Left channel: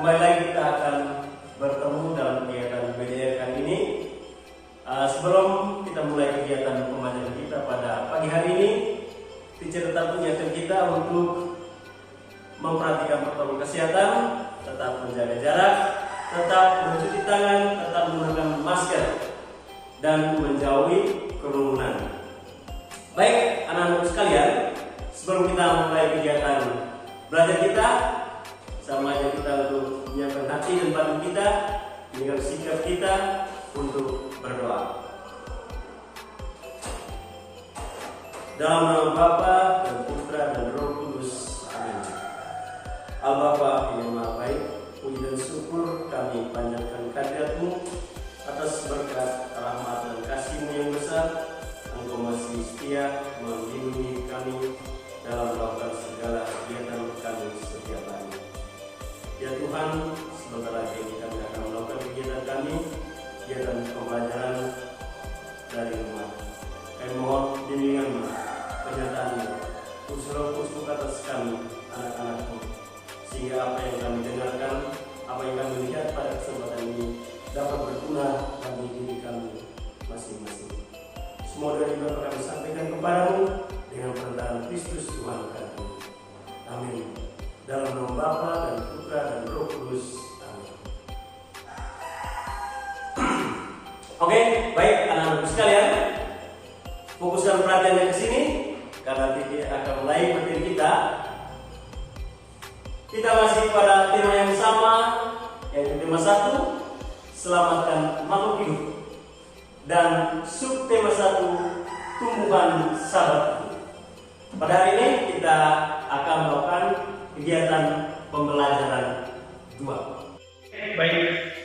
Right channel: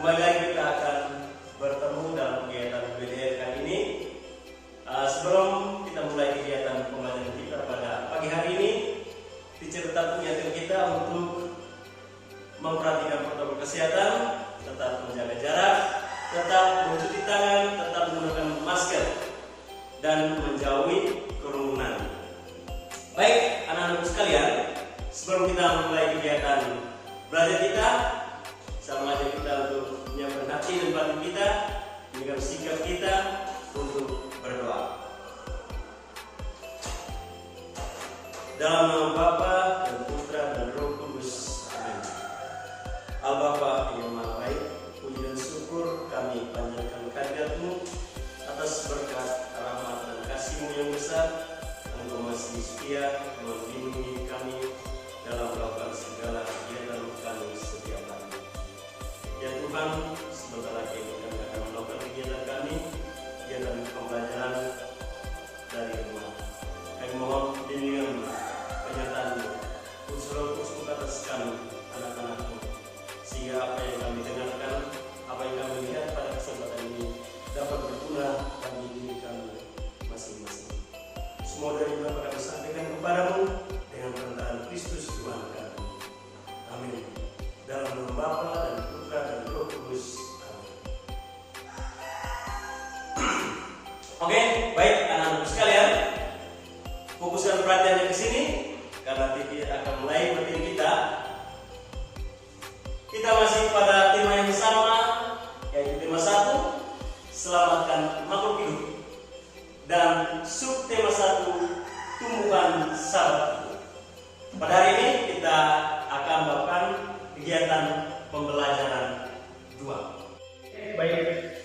Kembali lagi kita akan bertemu dalam kegiatan BDR kali ini. Sebelum kita mulai kegiatan pembelajaran kita pada pagi hari ini, teacher tetap mengingatkan kita untuk memperhatikan protokol kesehatan, tetap menjaga jarak, tetap mencuci tangan, tetap menggunakan masker, dan menjauhi kerumunan. Baik, anak-anak sekalian, sebelum kita mulai kegiatan belajar kita, sama aja kita untuk menyiapkan hati dan batin kita dengan sikap kita untuk berdoa. Dalam nama Bapa dan Putra dan Roh Kudus. Amin. Al-Bapa yang Maha Baik, puji dan syukur kami panjatkan kehadirat-Mu atas berkat, rahmat dan kasih-Mu yang besar. Engkau masih setia melindungi kami dalam melakukan segala kegiatan kami setiap hari. Ya Tuhan, sebentar lagi kami akan melakukan kegiatan kami, kegiatan pembelajaran dari rumah. Kami mohon bimbingan-Mu, penyertaan-Mu, unsur khusus atas kami, anak-anak-Mu, sehingga apa yang kami dengarkan, apa yang kami lihat pada kesempatan ini dapat berguna bagi diri kami masing-masing. Semua dari Bapa kami sampaikan kepadamu dengan perintahan Kristus Tuhan kami. Amin. Dalam nama Bapa dan Putra dan Roh Kudus. Amin. Oke, baik anak-anak sekalian, fokuskan perhatiannya ke sini karena kita akan mulai materi kita. Kita masih pada tema yang sama, yaitu tema 1, selamatkan makhluk hidup, dan subtema 1, tumbuhan sahabat. Pada hari ini kita akan melakukan kegiatan pembelajaran 2. Baik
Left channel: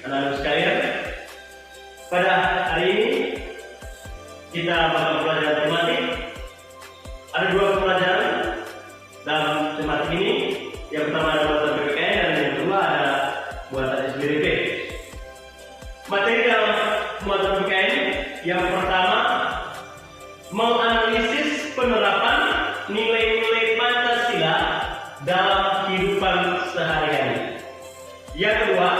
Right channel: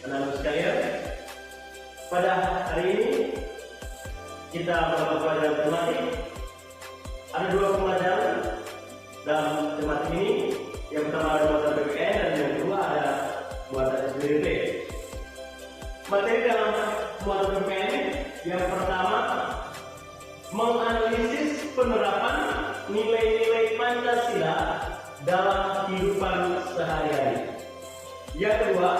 anak-anak sekalian, pada hari ini kita akan belajar tematik. Ada 2 pembelajaran dalam tematik ini. Yang pertama ada buatan PPKN dan yang kedua ada buatan SBDP. Materi dalam buatan PPKN yang pertama, menganalisis penerapan nilai-nilai Pancasila dalam kehidupan sehari-hari. Yang kedua,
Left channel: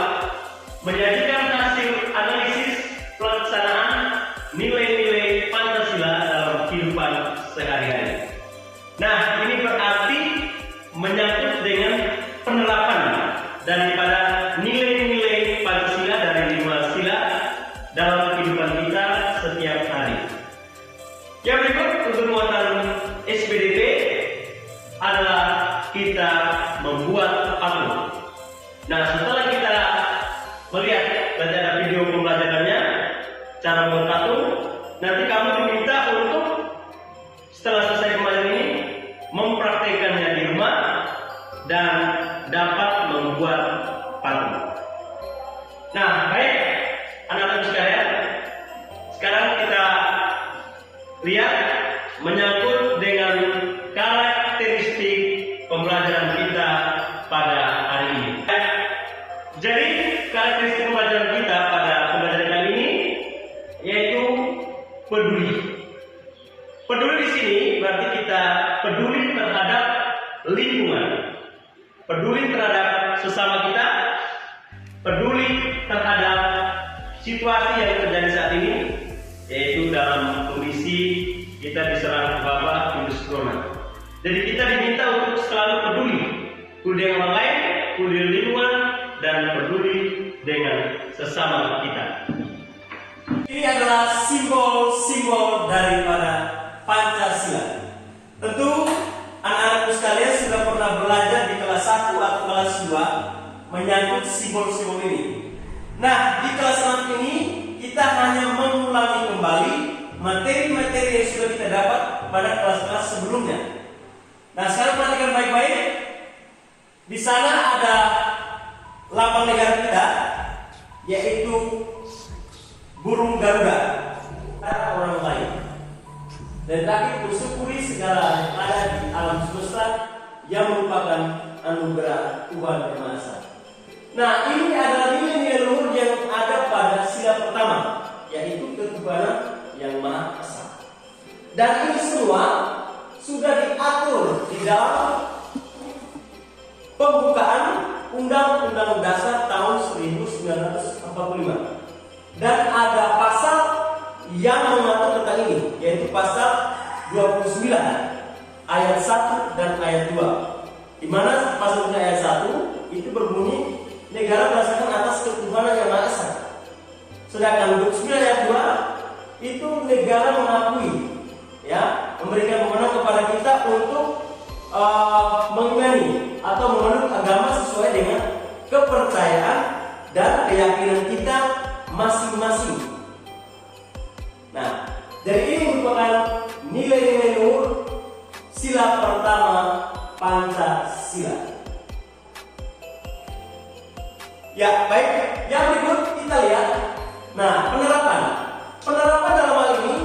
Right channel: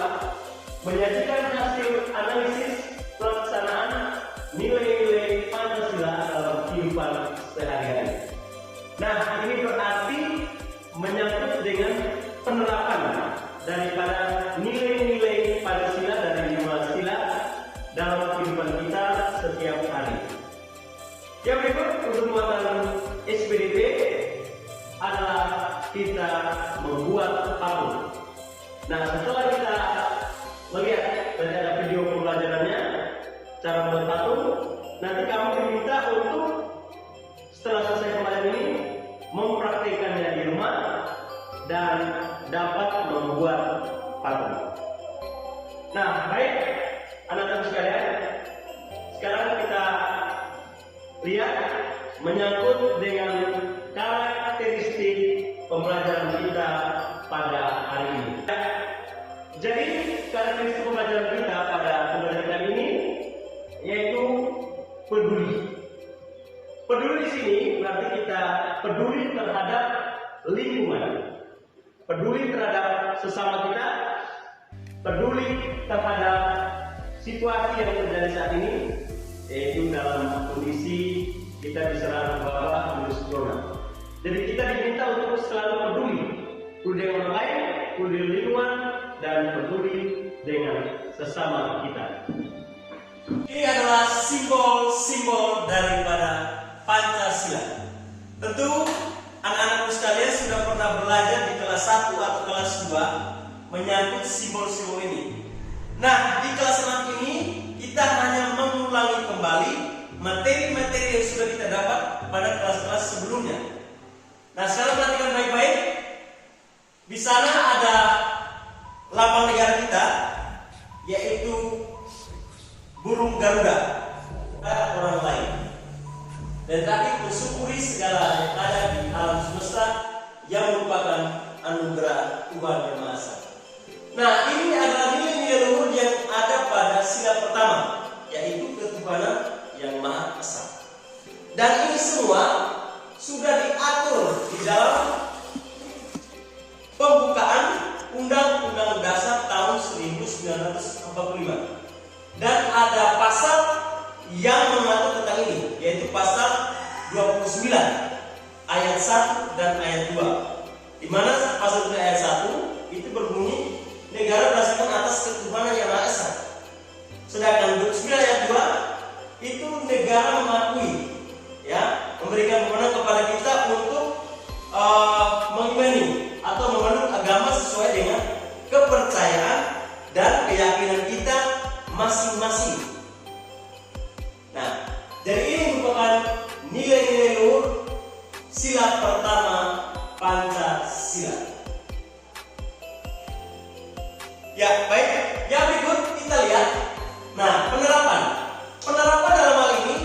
menyajikan hasil analisis pelaksanaan nilai-nilai Pancasila dalam kehidupan sehari-hari. Nah, ini berarti menyangkut dengan penerapan daripada nilai-nilai Pancasila dari 5 sila dalam kehidupan kita setiap hari. Yang berikut untuk muatan SBDP adalah kita membuat patung. Nah, setelah kita melihat dan ada video pembelajarannya cara membuat patung, nanti kamu diminta untuk setelah selesai pembelajaran ini mempraktikkannya di rumah dan dapat membuat patung. Nah, baik anak-anak sekalian, sekarang kita lihat menyangkut dengan karakteristik pembelajaran kita pada hari ini. Jadi karakteristik pembelajaran kita pada pembelajaran kali ini yaitu peduli. Peduli di sini berarti kita peduli terhadap lingkungan, peduli terhadap sesama kita, peduli terhadap situasi yang terjadi saat ini, yaitu dalam kondisi kita diserang wabah virus corona. Jadi kita diminta untuk selalu peduli dengan orang lain, peduli dengan lingkungan, dan peduli dengan sesama kita. Ini adalah simbol-simbol daripada Pancasila. Tentu anak-anakku sekalian sudah pernah belajar di kelas 1 atau kelas 2 menyangkut simbol-simbol ini. Nah, di kelas 6 ini kita hanya mengulangi kembali materi-materi yang sudah kita dapat pada kelas-kelas sebelumnya. Nah, sekarang perhatikan baik-baik. Di sana ada lambang negara kita, yaitu burung Garuda, orang lain. Dan terakhir, bersyukuri segala yang ada di alam semesta yang merupakan anugerah Tuhan Yang Maha Esa. Nah, ini adalah nilai-nilai luhur yang ada pada sila pertama, yaitu ketuhanan Yang Maha Esa. Dan ini semua sudah diatur di dalam pembukaan Undang-Undang Dasar tahun 1945. Dan ada pasal yang mengatur tentang ini, yaitu pasal 29 ayat 1 dan ayat 2. Di mana pasal 3 ayat 1 itu berbunyi negara berdasarkan atas ketuhanan yang Maha Esa. Sedangkan 29 ayat 2 itu negara mengakui, ya, memberikan wewenang kepada kita untuk mengimani atau memeluk agama sesuai dengan kepercayaan dan keyakinan kita masing-masing. Nah, dari ini merupakan nilai-nilai luhur sila pertama Pancasila. Ya, baik. Yang berikut kita lihat. Nah, penerapan dalam hal ini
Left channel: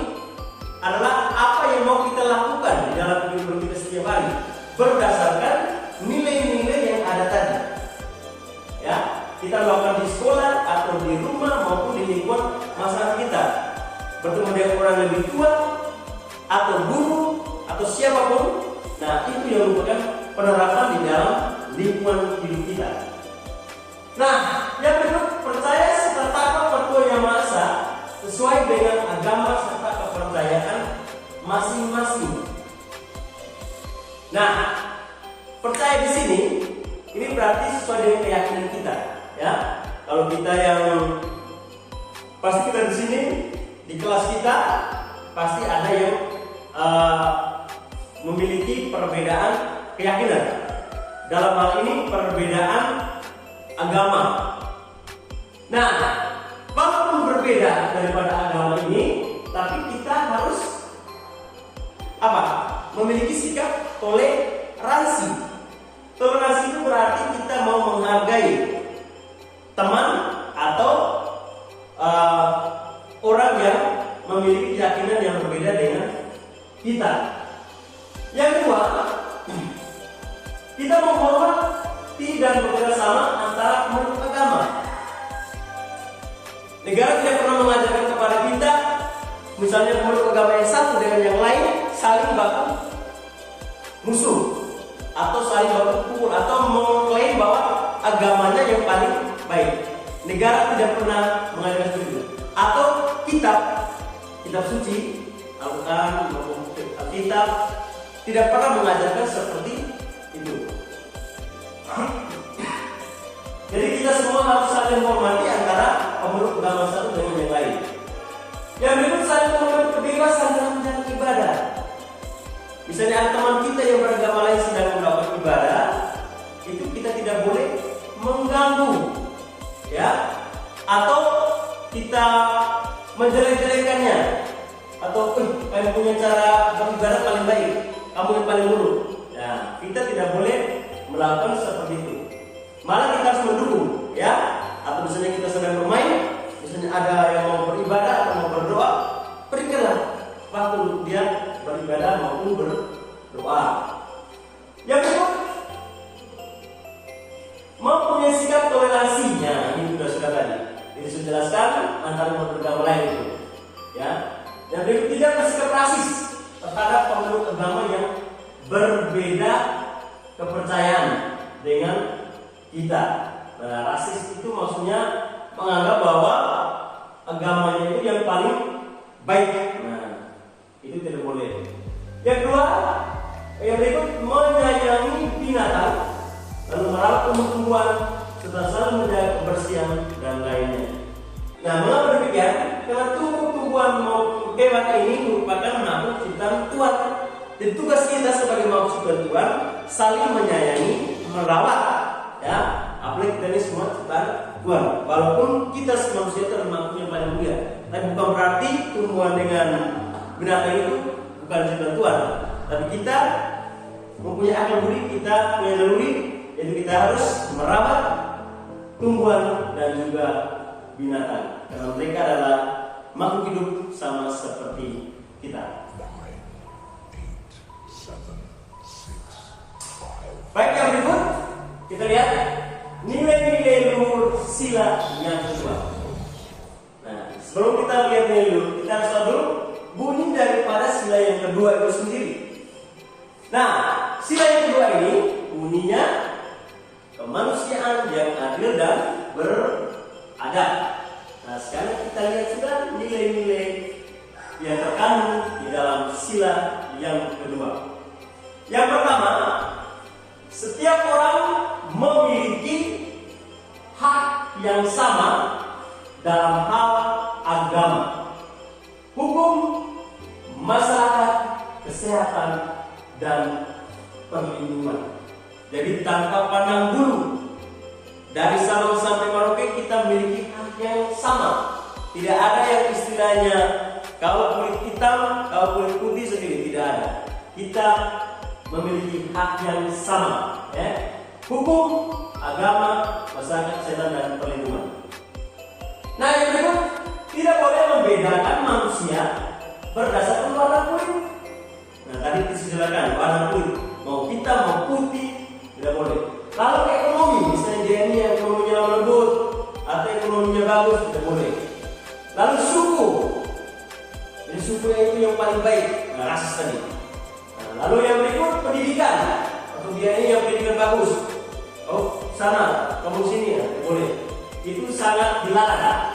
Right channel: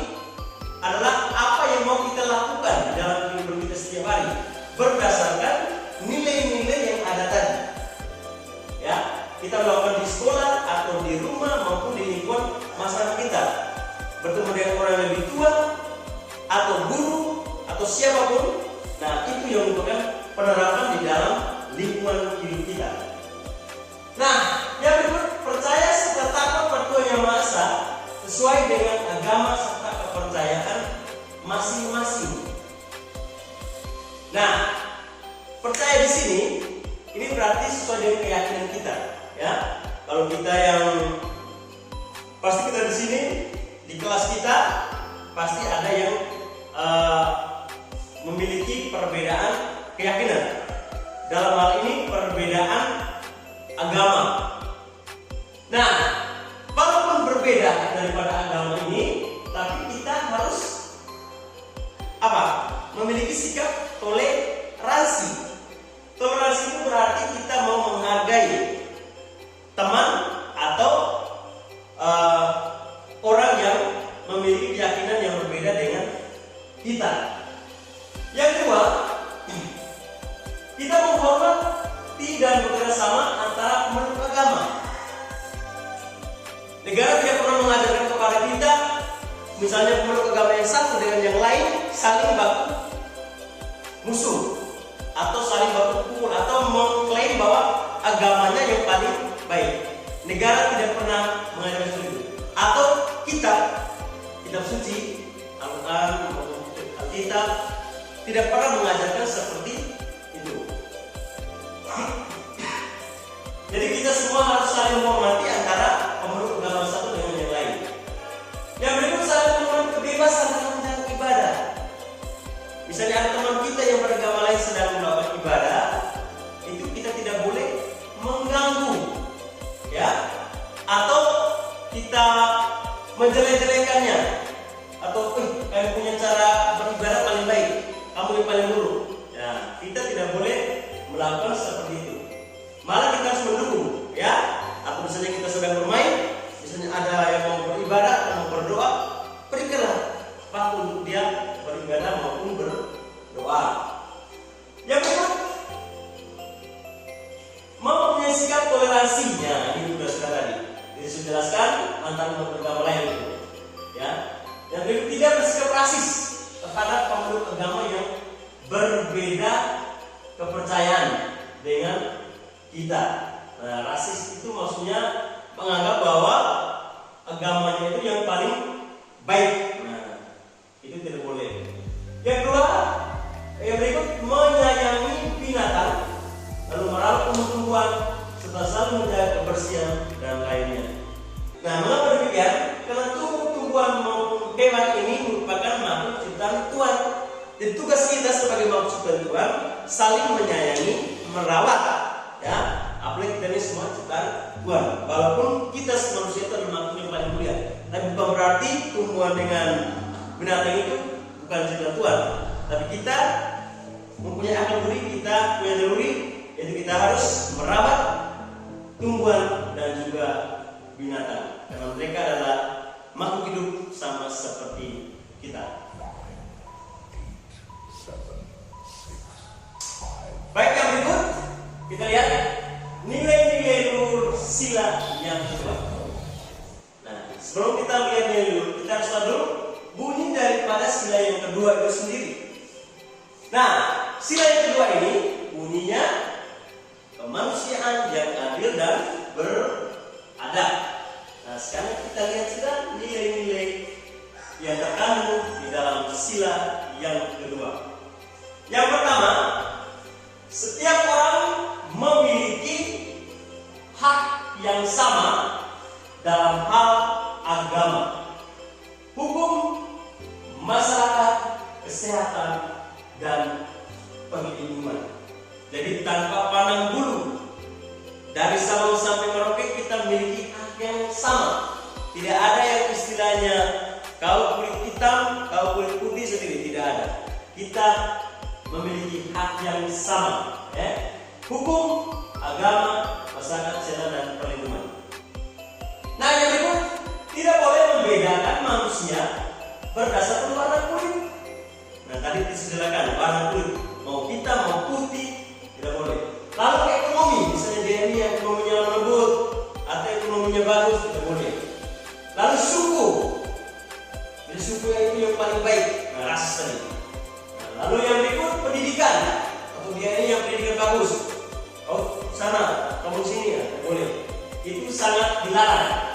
adalah apa yang mau kita lakukan di dalam kehidupan kita setiap hari berdasarkan nilai-nilai yang ada tadi. Ya, kita melakukan di sekolah atau di rumah maupun di lingkungan masyarakat kita. Bertemu dengan orang yang lebih tua atau guru atau siapapun. Nah, itu yang merupakan penerapan di dalam lingkungan hidup kita. Nah, yang berikut, percaya serta takut pada Tuhan Yang Maha Esa sesuai dengan agama serta kepercayaan masing-masing. Nah, percaya di sini ini berarti sesuai dengan keyakinan kita, ya. Kalau kita yang pasti kita di sini di kelas kita pasti ada yang memiliki perbedaan keyakinan. Dalam hal ini perbedaan agama. Nah, walaupun berbeda daripada agama ini, tapi kita harus memiliki sikap toleransi. Toleransi itu berarti kita mau menghargai teman atau orang yang memiliki keyakinan yang berbeda dengan kita. Yang kedua, kita menghormati dan bekerja sama antara pemeluk agama. Negara tidak pernah mengajarkan kepada kita, misalnya pemeluk agama yang satu dengan yang lain saling baku musuh atau saling baku pukul atau mengklaim bahwa agamanya yang paling baik. Negara tidak pernah mengajarkan itu. Atau kitab suci, Al-Quran maupun Alkitab tidak pernah mengajarkan seperti itu. Jadi kita semua harus saling menghormati antara pemeluk agama satu dengan yang lain. Yang berikut, saling menghormati kebebasan dalam menjalankan ibadah. Misalnya ada teman kita yang beragama lain sedang melakukan ibadah, itu kita tidak boleh mengganggu, ya, atau kita menjelek-jelekannya, atau kamu punya cara beribadah paling baik, kamu yang paling buruk. Ya, kita tidak boleh melakukan seperti itu. Malah kita harus mendukung, ya. Atau misalnya kita sedang bermain, misalnya ada yang mau beribadah atau mau berdoa, berikanlah waktu untuk dia beribadah maupun berdoa. Yang kedua, mempunyai sikap toleransinya, ini sudah tadi. Ini sudah jelaskan antara agama lain itu, ya. Yang berikut, tidak bersikap rasis terhadap pemeluk agama yang berbeda kepercayaan dengan kita. Nah, rasis itu maksudnya menganggap bahwa agamanya itu yang paling baik. Nah, itu tidak boleh. Yang kedua, yang berikut, menyayangi binatang, lalu merawat tumbuh-tumbuhan serta selalu menjaga kebersihan dan lainnya. Nah, mengapa demikian? Karena tumbuh-tumbuhan maupun hewan ini merupakan makhluk ciptaan Tuhan. Dan tugas kita sebagai makhluk ciptaan Tuhan saling menyayangi, merawat, ya. Apalagi kita ini semua ciptaan Tuhan. Walaupun kita manusia itu adalah makhluk yang paling mulia, tapi bukan berarti tumbuhan dengan binatang itu bukan ciptaan Tuhan. Tapi kita mempunyai akal budi, kita punya naluri, jadi kita harus merawat tumbuhan dan juga binatang, karena mereka adalah makhluk hidup sama seperti kita. Baik, yang berikut kita lihat nilai-nilai luhur sila yang kedua. Nah, sebelum kita melihat nilai luhur, kita harus tahu dulu bunyi daripada sila yang kedua itu sendiri. Nah, sila yang kedua ini bunyinya kemanusiaan yang adil dan beradab. Nah, sekarang kita lihat sudah nilai-nilai yang terkandung di dalam sila yang kedua. Yang pertama, setiap orang memiliki hak yang sama dalam hal agama, hukum, masyarakat, kesehatan, dan perlindungan. Jadi tanpa pandang bulu, dari Sabang sampai Merauke kita memiliki hak yang sama. Tidak ada yang istilahnya kau kulit hitam, kau kulit putih sendiri, tidak ada. Kita memiliki hak yang sama, hukum, agama, masyarakat, kesehatan, dan perlindungan. Nah, yang kedua, tidak boleh membedakan manusia berdasarkan warna kulit. Nah, tadi disediakan warna kulit, mau hitam mau putih, tidak boleh. Lalu ekonomi, misalnya dia ini yang ekonominya lembut atau ekonominya bagus, tidak boleh. Lalu suku, jadi suku yang itu yang paling baik, rasis tadi. Nah, lalu yang berikut pendidikan, atau dia ini yang pendidikan bagus. Oh, sana, kamu sini ya, boleh. Itu sangat dilarang.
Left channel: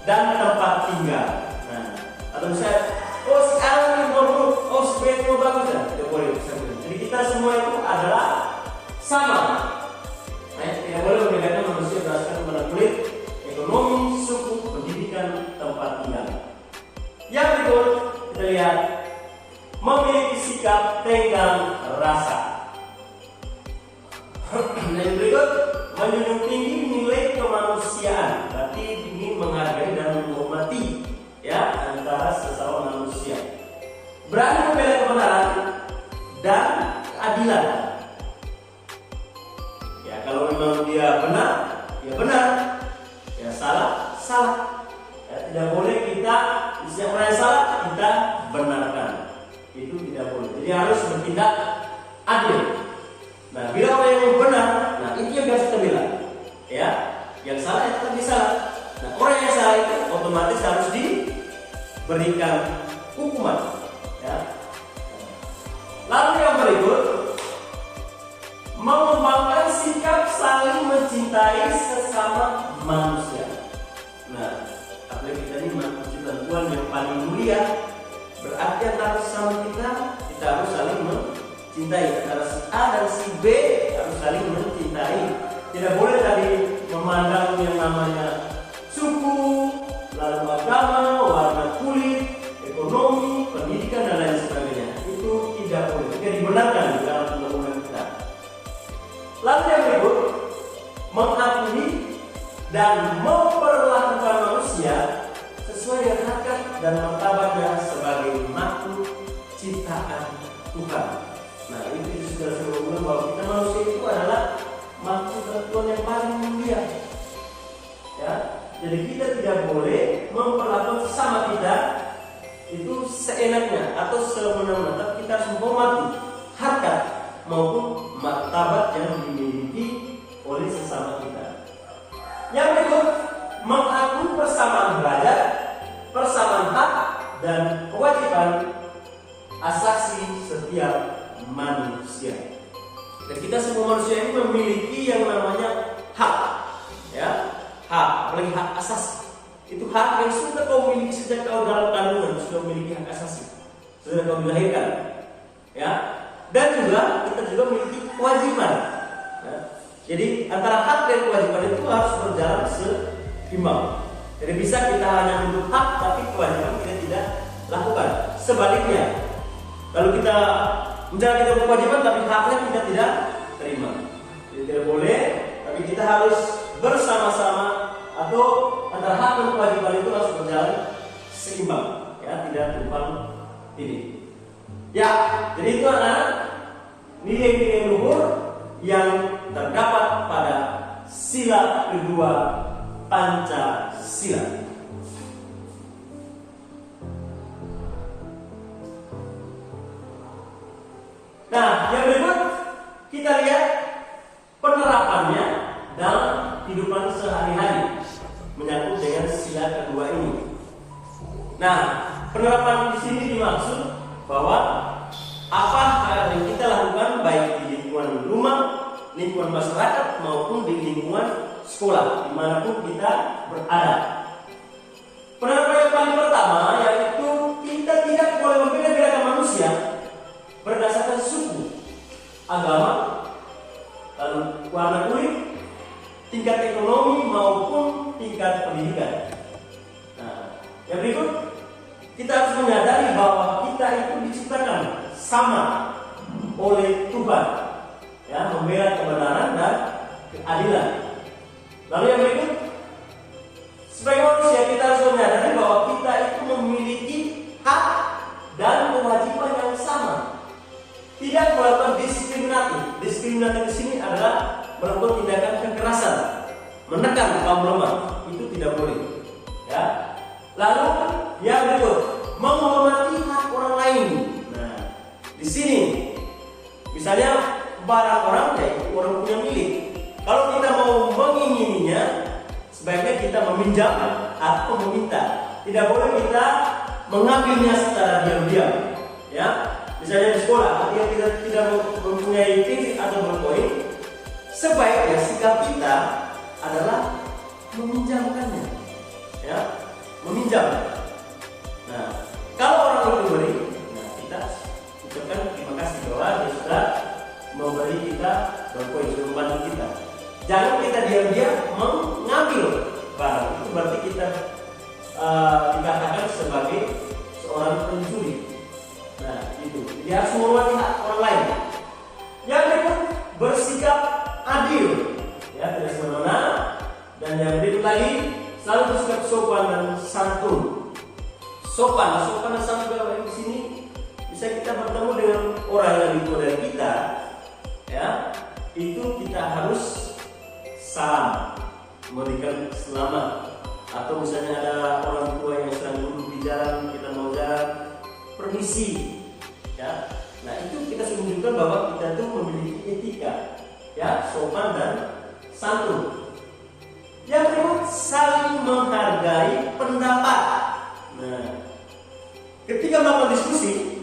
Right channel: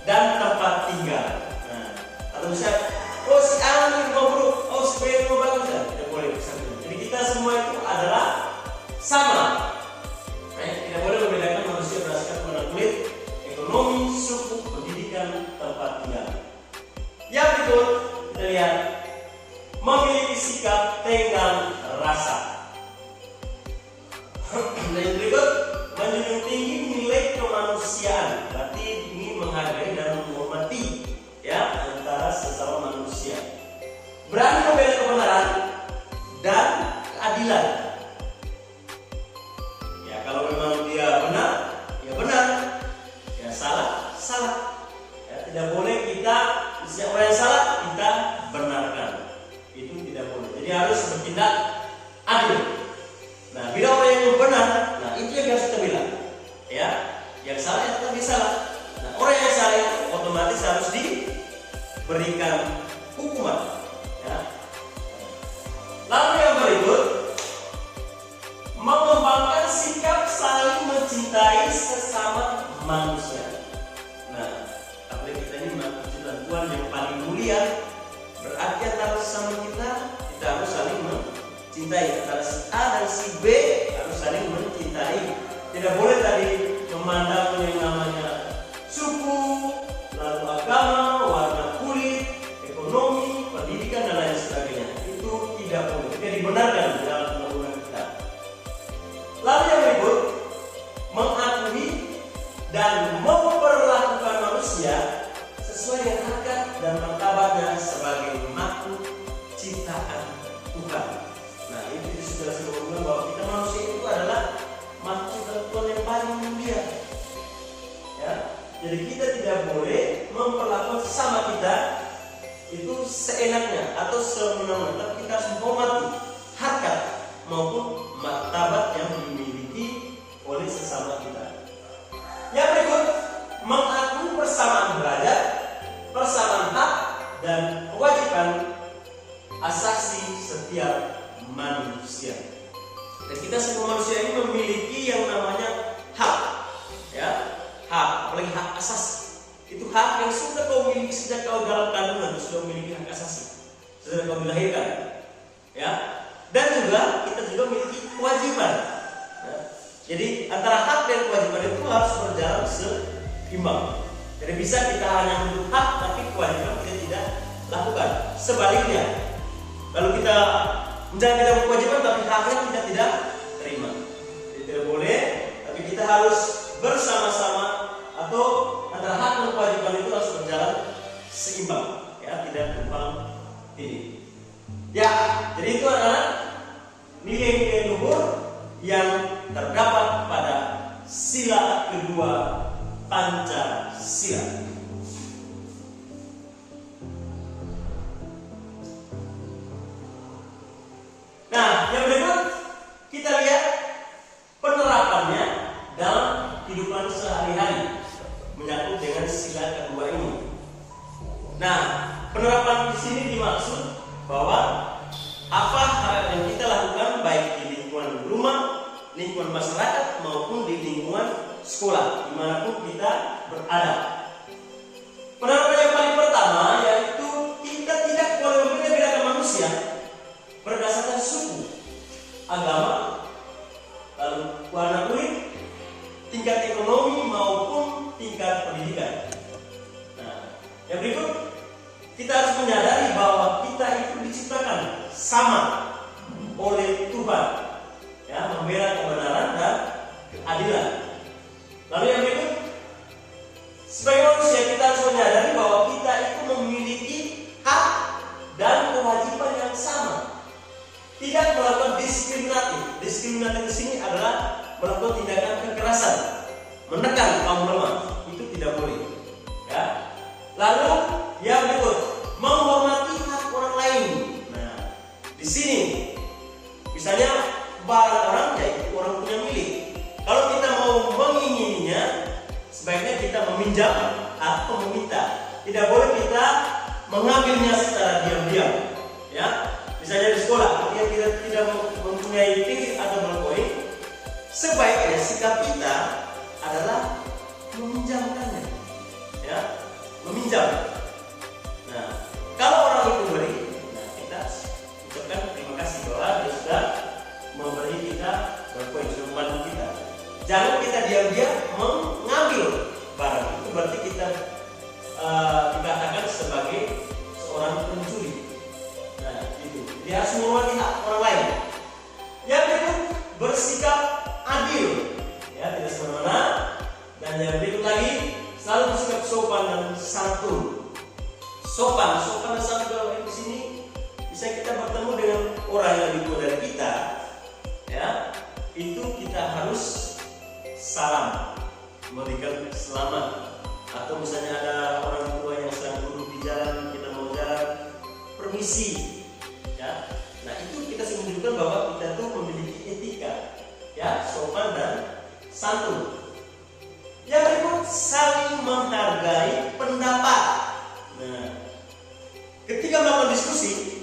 Dan tempat tinggal. Nah, atau misalnya, oh si A ini rumah buruk, oh si B ini rumah bagus, ya tidak boleh. Jadi kita semua itu adalah sama. Tidak boleh membedakan manusia berdasarkan warna kulit, ekonomi, suku, pendidikan, tempat tinggal. Yang berikut kita lihat, memiliki sikap tenggang rasa. Dan yang berikut, menjunjung tinggi nilai kemanusiaan. Berarti ini menghargai dan menghormati antara sesama manusia. Berani membela kebenaran dan keadilan. Ya, kalau memang dia benar, ya benar. Ya salah, salah. Ya, tidak boleh kita siapa yang salah kita benarkan. Itu tidak boleh. Jadi harus bertindak adil. Nah, bila orang yang benar, nah itu yang harus kita bilang. Ya, yang salah itu tetap salah. Nah, orang yang salah itu otomatis harus diberikan hukuman. Ya. Lalu yang berikut, mengembangkan sikap saling mencintai sesama manusia. Nah, apalagi kita ini mencintai Tuhan yang paling mulia, berarti antara sesama kita harus saling mencintai. Antara si A dan si B harus saling mencintai. Tidak boleh tadi memandang yang namanya suku, lalu agama, warna kulit, ekonomi, pendidikan, dan lain sebagainya. Itu tidak boleh, tidak dibenarkan di dalam undang-undang kita. Lalu yang berikut, mengakui dan memperlakukan manusia sesuai dengan harkat dan martabatnya sebagai makhluk ciptaan Tuhan. Nah, itu sudah sebelumnya bahwa kita manusia itu adalah makhluk Tuhan yang paling mulia. Ya, jadi kita tidak boleh memperlakukan sesama kita itu seenaknya atau semena-mena, tapi kita harus menghormati harkat maupun martabat yang dimiliki oleh sesama kita. Yang berikut, mengakui persamaan derajat, persamaan hak dan kewajiban asasi setiap manusia. Dan kita semua manusia ini memiliki yang namanya hak, ya, hak, apalagi hak asasi. Itu hak yang sudah kau miliki sejak kau dalam kandungan, sudah memiliki hak asasi, sejak kau dilahirkan, ya. Dan juga kita juga memiliki kewajiban. Ya. Jadi antara hak dan kewajiban itu harus berjalan seimbang. Jadi bisa kita hanya menuntut hak, tapi kewajiban kita tidak lakukan. Sebaliknya, kalau kita menjalankan kewajiban tapi haknya kita tidak terima, jadi tidak boleh. Tapi kita harus bersama-sama, atau antara hak dan kewajiban itu harus berjalan seimbang, ya, tidak tumpang tindih. Ya, jadi itu adalah nilai-nilai luhur yang terdapat pada sila kedua Pancasila. Nah, yang berikut kita lihat penerapannya dalam kehidupan sehari-hari menyangkut dengan sila kedua ini. Nah, penerapan di sini dimaksud bahwa apa hal yang kita lakukan baik di lingkungan rumah, lingkungan masyarakat maupun di lingkungan sekolah, dimanapun kita berada. Penerapan yang paling pertama yaitu kita tidak boleh membeda-bedakan manusia berdasarkan suku, agama, lalu warna kulit, tingkat ekonomi maupun tingkat pendidikan. Nah, yang berikut kita harus menyadari bahwa kita itu diciptakan sama oleh Tuhan, ya, membela kebenaran dan keadilan. Lalu yang berikut, sebagai manusia kita harus menyadari bahwa kita itu memiliki hak dan kewajiban yang sama. Tidak melakukan diskriminatif. Diskriminatif di sini adalah melakukan tindakan kekerasan, menekan kaum lemah. Itu tidak boleh. Ya. Lalu yang berikut, menghormati hak orang lain. Nah, di sini misalnya barang orang yaitu orang punya milik. Kalau kita mau mengingininya, sebaiknya kita meminjam atau meminta. Tidak boleh kita mengambilnya secara diam-diam. Ya, misalnya di sekolah, ketika kita tidak mempunyai tinggi atau berkoin, sebaiknya sikap kita adalah meminjamkannya. Ya, meminjam. Nah, kalau orang itu beri, nah kita ucapkan terima kasih bahwa dia sudah memberi kita berkoin, sudah membantu kita. Jangan kita diam-diam mengambil barang itu, berarti kita dikatakan sebagai seorang pencuri. Nah, itu. Dia harus menghormati hak orang lain. Yang berikut, bersikap adil, ya, tidak semena-mena. Dan yang berikut lagi, selalu bersikap sopan dan santun. Sopan dan santun di sini bisa kita bertemu dengan orang yang lebih tua dari kita, ya, itu kita harus salam, memberikan selamat. Atau misalnya ada orang tua yang sedang duduk di jalan, kita mau jalan, permisi, ya. Nah, itu kita sudah menunjukkan bahwa kita itu memiliki etika, ya, sopan dan santun. Yang berikut, saling menghargai pendapat. Nah, ketika melakukan diskusi,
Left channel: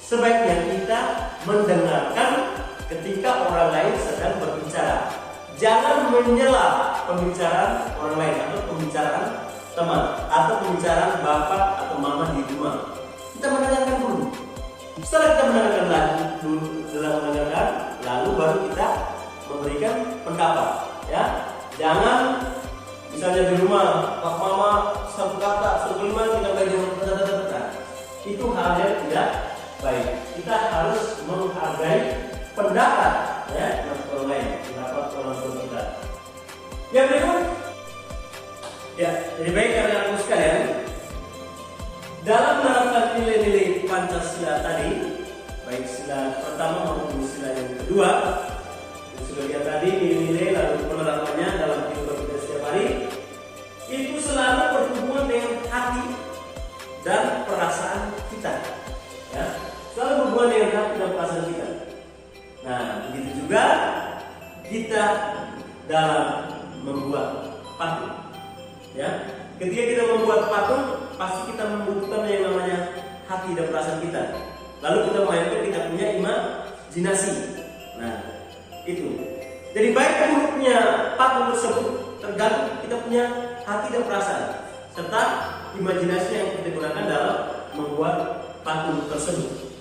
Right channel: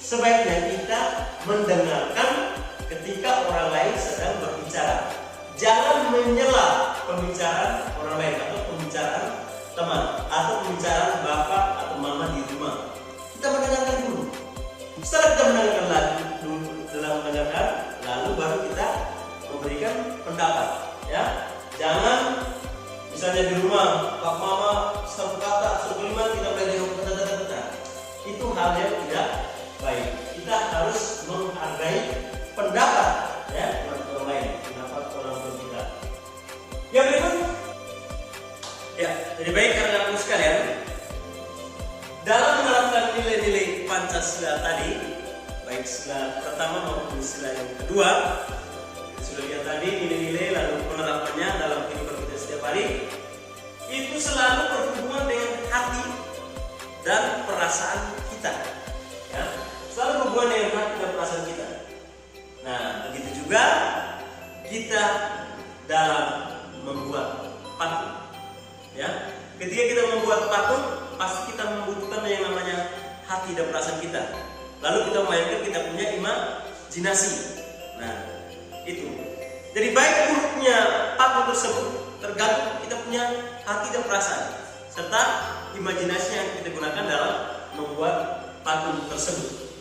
sebaiknya kita mendengarkan ketika orang lain sedang berbicara. Jangan menyela pembicaraan orang lain atau pembicaraan teman atau pembicaraan bapak atau mama di rumah. Kita mendengarkan dulu. Setelah kita mendengarkan, lalu baru kita memberikan pendapat. Ya, jangan misalnya di rumah pak mama satu kata, satu kalimat kita belajar kata-kata. Itu hal yang tidak baik. Kita harus menghargai pendapat, ya, orang lain, pendapat orang tua kita. Yang berikut, ya, lebih baik karena aku sekalian, dalam menerapkan nilai-nilai Pancasila tadi, baik sila pertama maupun sila yang kedua, sudah lihat tadi nilai-nilai lalu penerapannya dalam kehidupan kita setiap hari, itu selalu berhubungan dengan hati dan perasaan kita, ya, selalu berhubungan dengan hati dan perasaan kita. Nah, begitu juga kita dalam membuat patung, ya. Ketika kita membuat patung, pasti kita membutuhkan yang namanya hati dan perasaan kita. Lalu kita memainkan kita punya imajinasi. Nah, itu. Jadi baik buruknya patung tersebut tergantung kita punya hati dan perasaan serta imajinasi yang kita gunakan dalam membuat patung tersebut.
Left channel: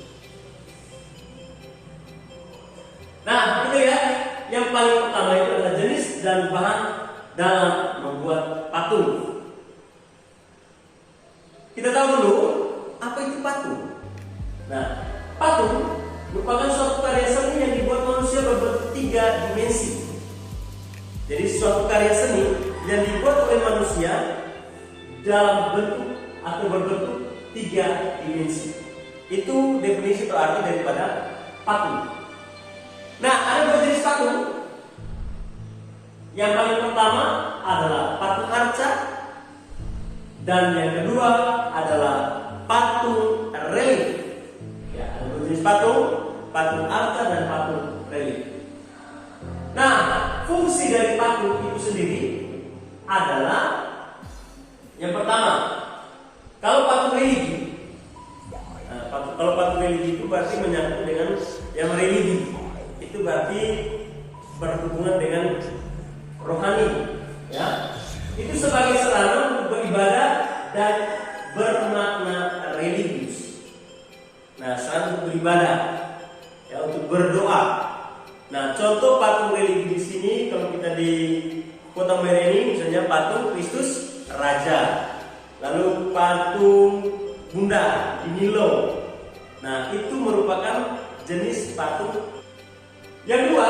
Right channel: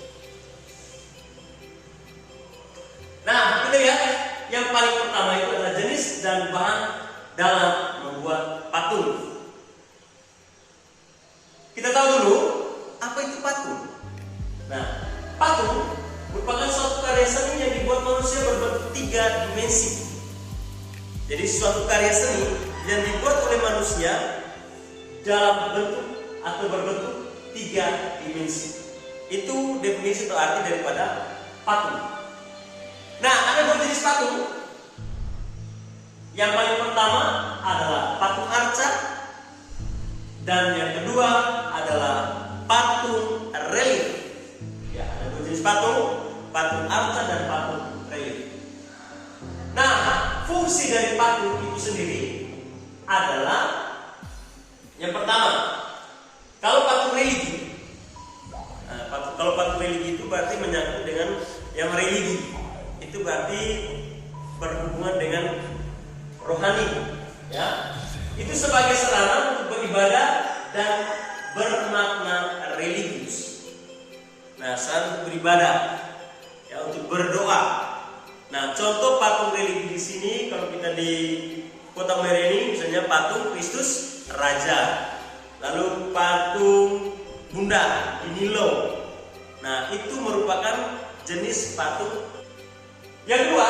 Nah, kita lihat yang paling pertama itu adalah jenis dan bahan dalam membuat patung. Kita tahu dulu apa itu patung. Nah, patung merupakan suatu karya seni yang dibuat manusia berbentuk 3 dimensi. Jadi suatu karya seni yang dibuat oleh manusia dalam bentuk atau berbentuk 3 dimensi. Itu definisi atau arti daripada patung. Nah, ada 2 jenis patung. Yang paling pertama adalah patung arca, dan yang kedua adalah patung relief. Ya, ada 2 jenis patung, patung arca dan patung relief. Nah, fungsi dari patung itu sendiri adalah yang pertama, kalau patung religi, kalau patung religi itu berarti menyangkut dengan yang religi. Itu berarti berhubungan dengan rohani, ya. Itu sebagai sarana untuk beribadah dan bermakna religius. Nah, sarana untuk beribadah, ya, untuk berdoa. Nah, contoh patung religi di sini kalau kita di Kota Medan ini, misalnya patung Kristus Raja, lalu patung Bunda di Nilo. Nah, itu merupakan jenis patung. Yang kedua,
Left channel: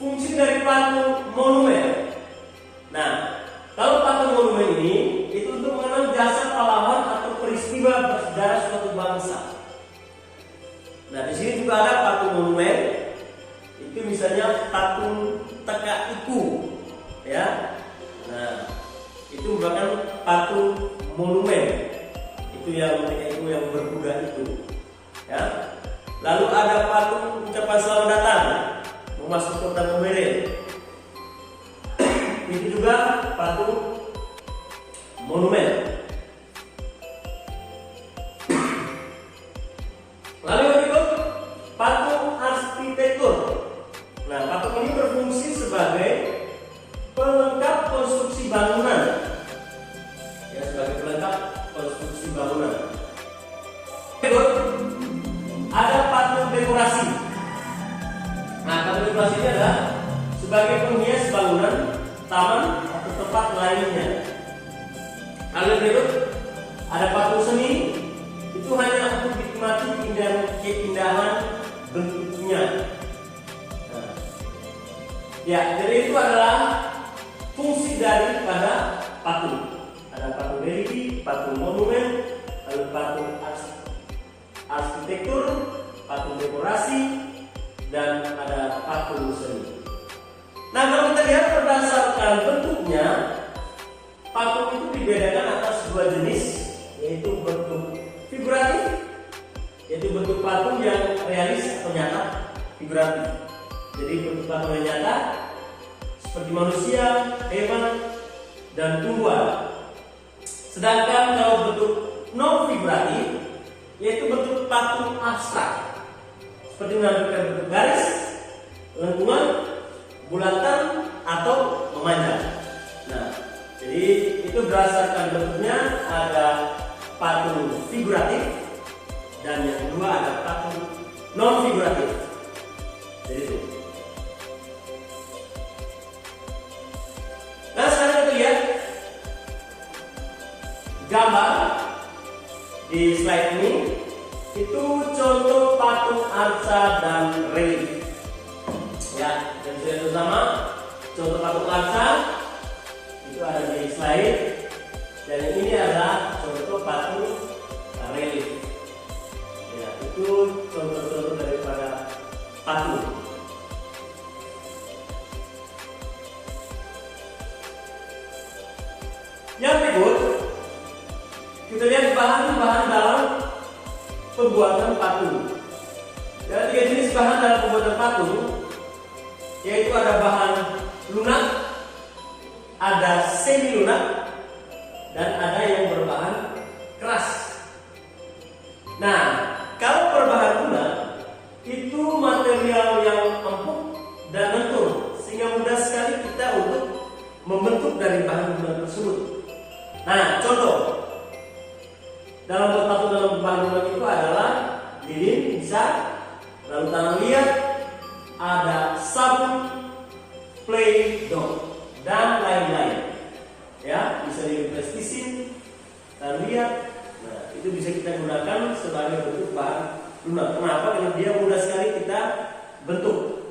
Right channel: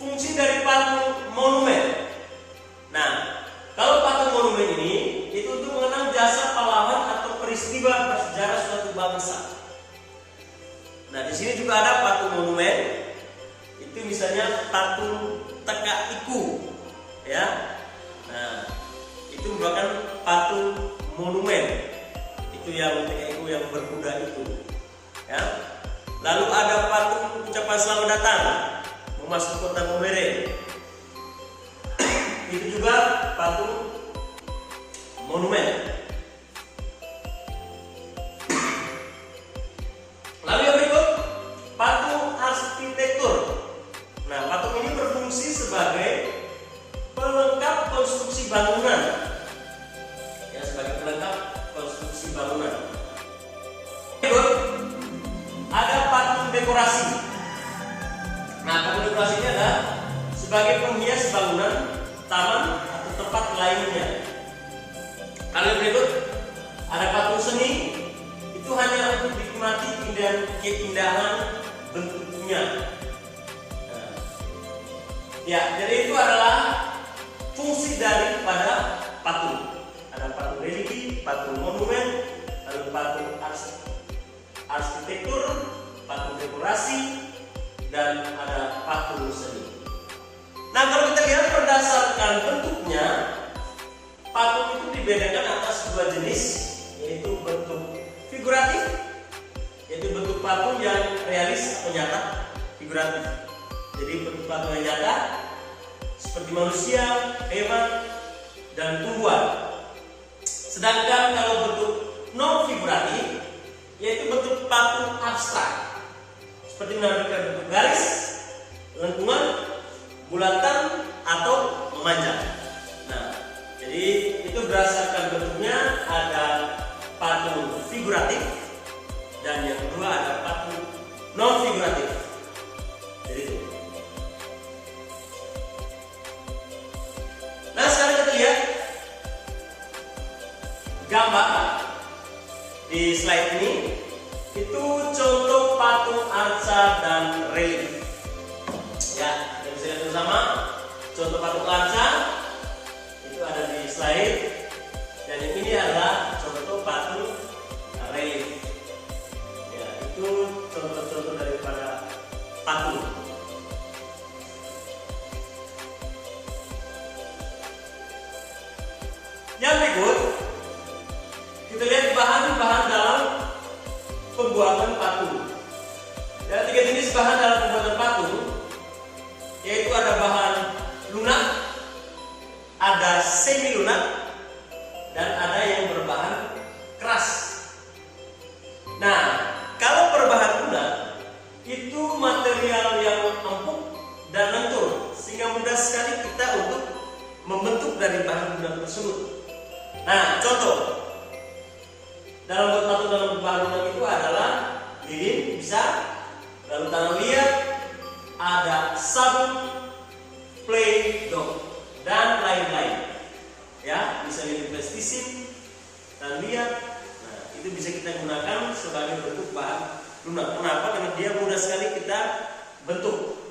fungsi dari patung monumen. Nah, kalau patung monumen ini itu untuk mengenang jasa pahlawan atau peristiwa bersejarah suatu bangsa. Nah, di sini juga ada patung monumen. Itu misalnya patung Teka Iku, ya. Nah, itu merupakan patung monumen. Itu yang Teka Iku yang berkuda itu, ya. Lalu ada patung ucapan selamat datang memasuki Kota Medan. Itu juga patung monumen. Lalu yang berikut, patung arsitektur. Nah, patung ini berfungsi sebagai pelengkap konstruksi bangunan. Ya, sebagai pelengkap konstruksi bangunan. Berikut, ada patung dekorasi. Nah, patung dekorasi ini adalah sebagai penghias bangunan, taman atau tempat lainnya. Lalu berikut, ada patung seni. Itu hanya untuk dinikmati keindahan bentuknya. Nah, ya, jadi itu adalah fungsi daripada patung. Ada patung religi, patung monumen, lalu patung arsitektur, patung dekorasi, dan ada patung seni. Nah, kalau kita lihat berdasarkan bentuknya, patung itu dibedakan atas dua jenis, yaitu bentuk figuratif, yaitu bentuk patung yang realis atau nyata, figuratif. Jadi bentuk patung yang nyata seperti manusia, hewan, dan tumbuhan. Sedangkan kalau bentuk non figuratif, yaitu bentuk patung abstrak, seperti menampilkan bentuk garis, lengkungan, bulatan, atau memanjang. Nah, jadi itu berdasarkan bentuknya ada patung figuratif dan yang kedua ada patung non figuratif. Jadi itu. Nah, sekarang kita lihat gambar di slide ini. Itu contoh patung arca dan relief. Ya, kita bisa lihat bersama contoh patung arca itu ada di slide, dan yang ini adalah contoh patung relief. Ya, itu contoh-contoh daripada patung. Yang berikut, kita lihat bahan-bahan dalam pembuatan patung. Ada 3 jenis bahan dalam pembuatan patung, yaitu ada bahan lunak, ada semi lunak, dan ada yang berbahan keras. Nah, kalau berbahan lunak itu material yang empuk dan lentur, sehingga mudah sekali kita untuk membentuk dari bahan lunak tersebut. Nah, contoh dalam buat patung dalam bahan lunak itu adalah lilin bisa, lalu tanah liat, ada sabun, play doh, dan lain-lain. Ya, bisa lilin plastisin, tanah liat. Nah, itu bisa kita gunakan sebagai bentuk bahan lunak. Kenapa? Karena dia mudah sekali kita bentuk.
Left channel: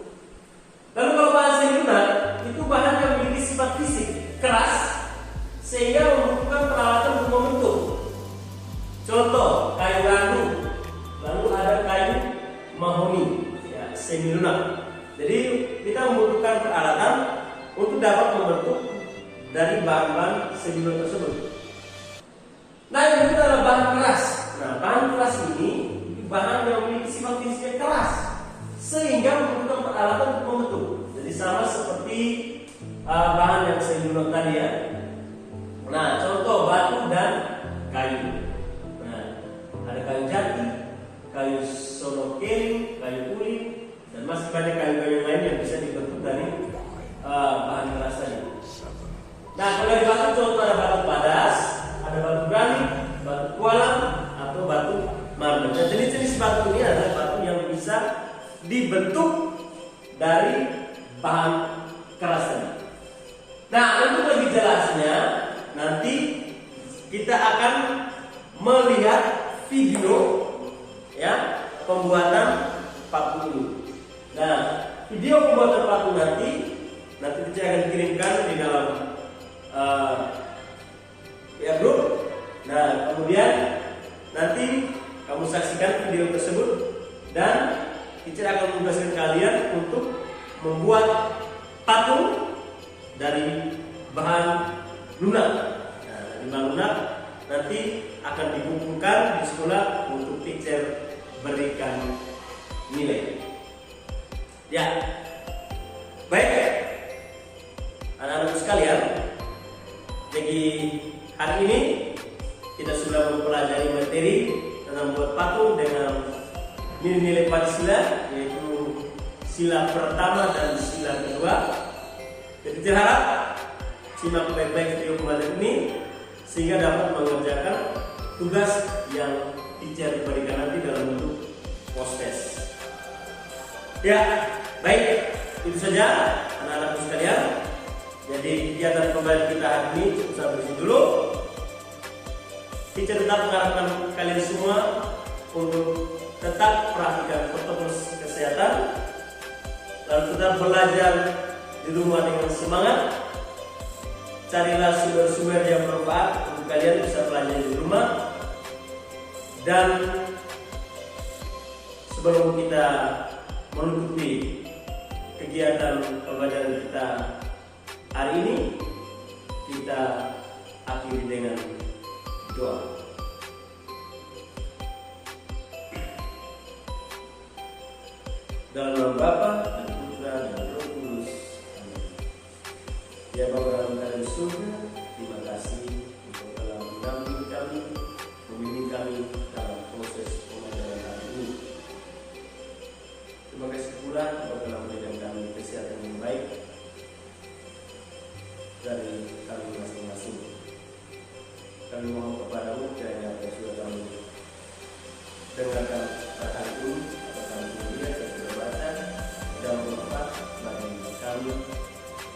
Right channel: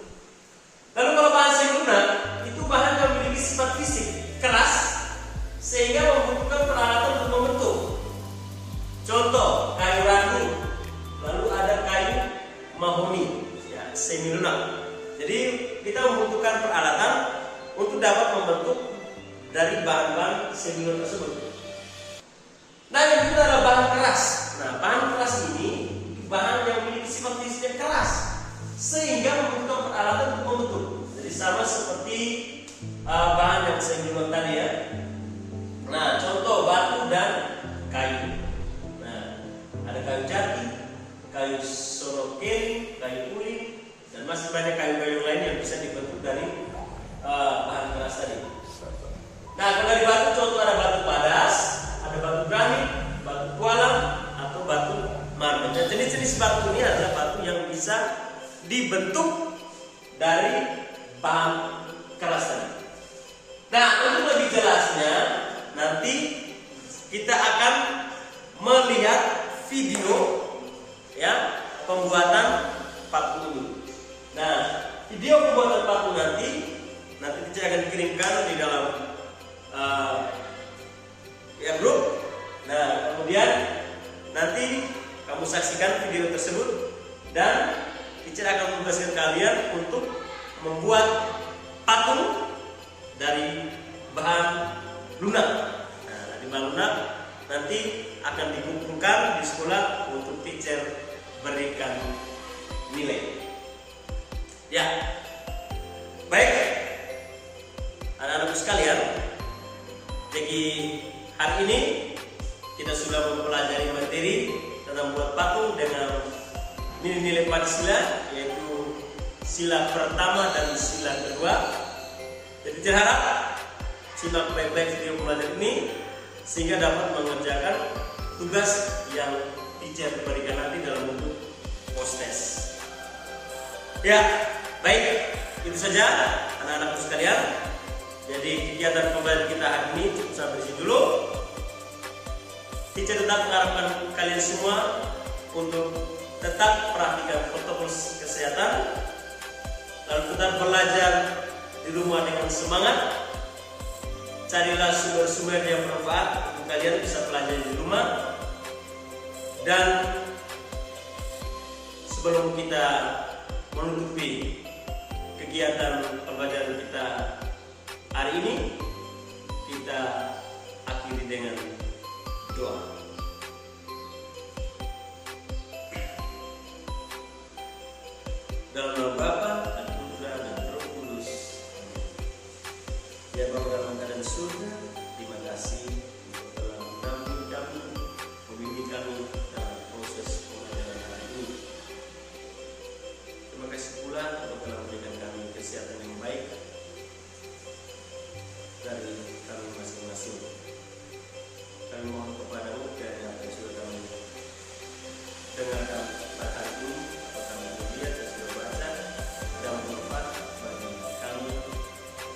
Lalu kalau bahan semi lunak, itu bahan yang memiliki sifat fisik keras, sehingga membutuhkan peralatan untuk membentuk. Contoh, kayu randu, lalu ada kayu mahoni, ya, semi lunak. Jadi kita membutuhkan peralatan untuk dapat membentuk dari bahan-bahan semi lunak tersebut. Nah, yang kedua adalah bahan keras. Nah, bahan keras ini bahan yang memiliki sifat fisiknya keras, sehingga membutuhkan peralatan untuk membentuk. Jadi sama seperti bahan yang semi lunak tadi, ya. Nah, contoh batu dan kayu. Nah, ada kayu jati, kayu sonokeli, kayu uling, Dan masih banyak kayu-kayu lain yang bisa dibentuk dari bahan keras tadi. Nah, kalau dari batu contoh ada batu padas, ada batu granit, batu tualang, atau batu marmer. Dan jenis-jenis batu ini adalah batu yang bisa dibentuk dari bahan keras tadi. Nah, untuk lebih jelasnya nanti kita akan melihat video ya pembuatan paku ini. Nah, video pembuatan paku nanti kita akan kirimkan di dalam grup. Nah, kemudian nanti kamu saksikan video tersebut dan teacher akan menugaskan kalian untuk membuat patung dari bahan lunak. Nah, dari bahan lunak nanti akan dikumpulkan di sekolah untuk teacher berikan nilai. Ya, baik anak-anakku sekalian. Jadi hari ini kita sudah mempelajari materi tentang buat patung dengan nilai-nilai Pancasila, yaitu sila pertama dan sila kedua. Jadi terharap simak baik-baik video pembelajaran ini sehingga dapat mengerjakan tugas yang teacher berikan nanti dalam bentuk post test. Ya, baik, itu saja anak-anakku sekalian. Jadi kegiatan pembelajaran kita hari ini cukup sampai di sini dulu. Teacher tetap mengharapkan kalian semua untuk tetap perhatikan protokol kesehatan, lalu tetap belajar di rumah dengan semangat. Carilah sumber-sumber yang bermanfaat untuk kalian bisa belajar di rumah. Dan sebelum kita menutupi kegiatan pembelajaran kita hari ini, kita akhiri dengan doa. Dalam nama Bapa dan Putra dan Roh Kudus. Ya Bapa dalam keadaan surga, terima kasih untuk telah mendampingi kami, membimbing kami dalam proses pembelajaran hari ini. Terima kasih pula untuk telah memberikan kami kesehatan yang baik dari kami masing-masing. Kami mohon kepadamu kiranya apa yang sudah kami dengarkan pada hari ini, apa kami lihat dan sudah baca, dan bermanfaat bagi kami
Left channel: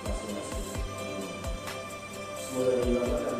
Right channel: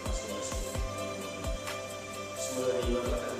masing-masing. Semoga ini Bapak kami